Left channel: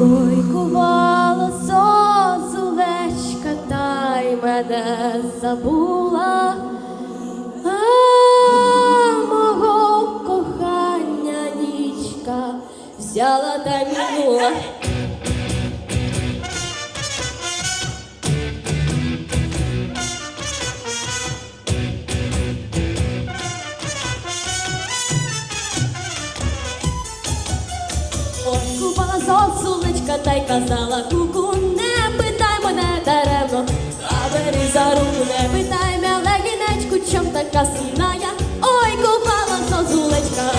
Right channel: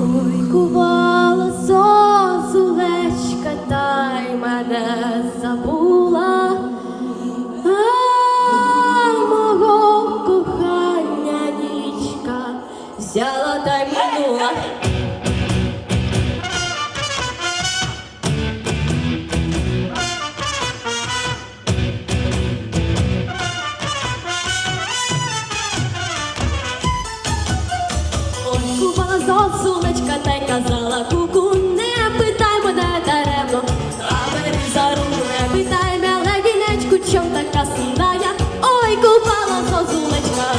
Ой, кувала зозулечка, та й мене забула, а мого кохання нічка взяла та й минула. Ой, кувала зозулечка, та й казала куку, не питай мене даремно, а бери за руку, не питай мене гінечку, чом така сумна я. Ой, купала зозулечка,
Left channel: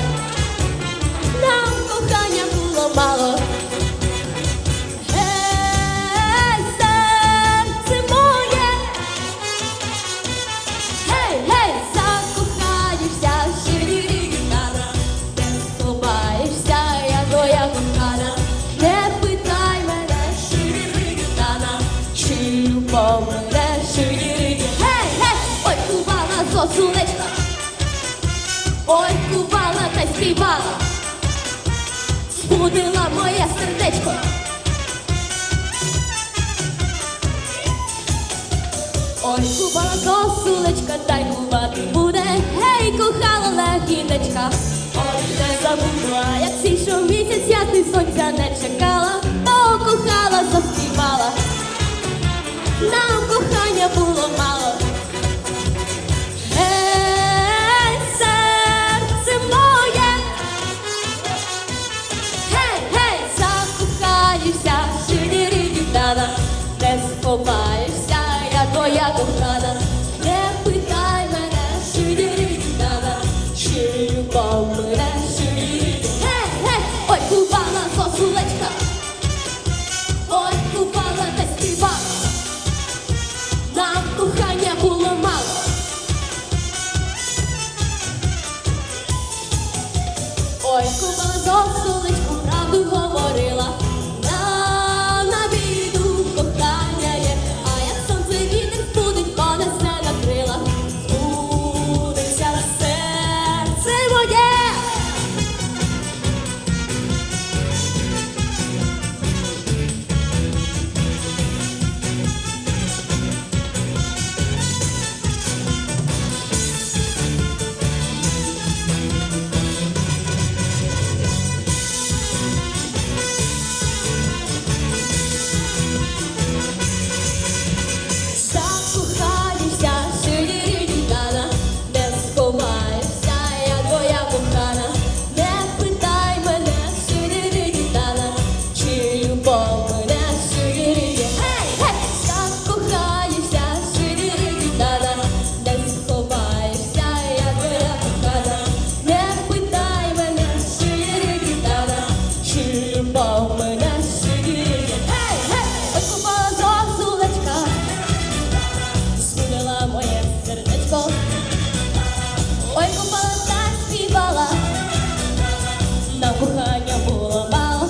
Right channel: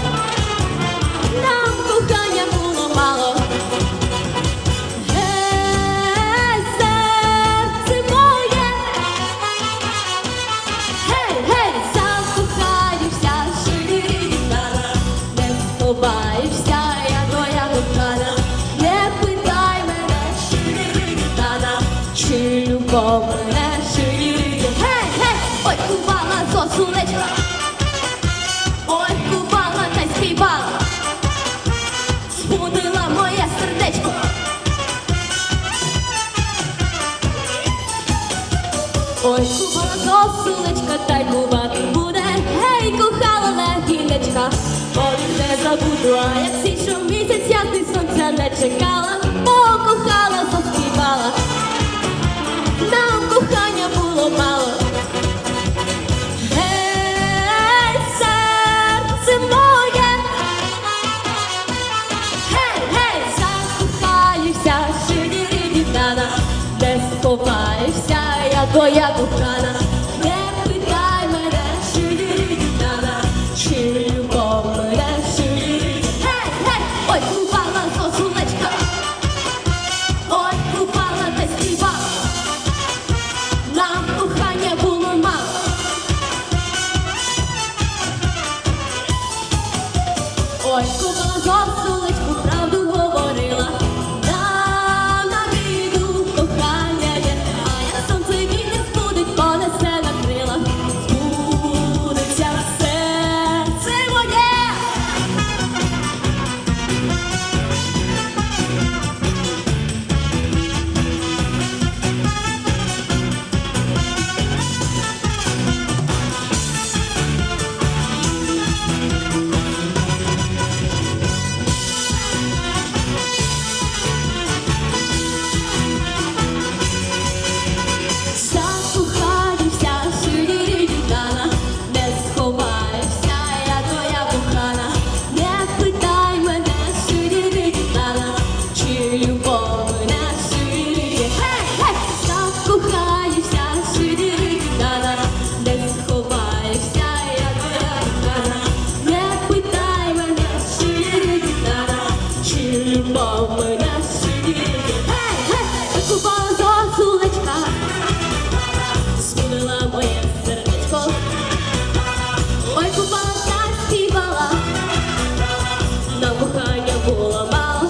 нам кохання було мало. Гей, серце моє, гей, гей, закохаєшся, щирі-рі-рі-тана, не сховаєшся, я твоя кохана, не питай мене, щирі-рі-рі-тана, чи любов мене, щирі-рі-рі. Гей, гей, ой, кувала зосулечка, ой, кувала та й співала, збудила моє сердечко. Ой, купала сосулечка, та й кувати буде. Кохала от не забуду, як сійшов місяць, ясний сонця не чекала, покохала, заспівала. Нам кохання було мало. Гей, серце моє, Гей, гей, закохаєшся, щирі-рі-дітана, не сховаєшся, я твоя кохана, мене, Гей, гей, ой, купала зозулечка, ой, купала та співала, нам кохання було мало. Ой, купила зосулечку, правду говорила. Купала зосулечка, сунила моє сердечко, ой, купала та співала, нам кохання було мало.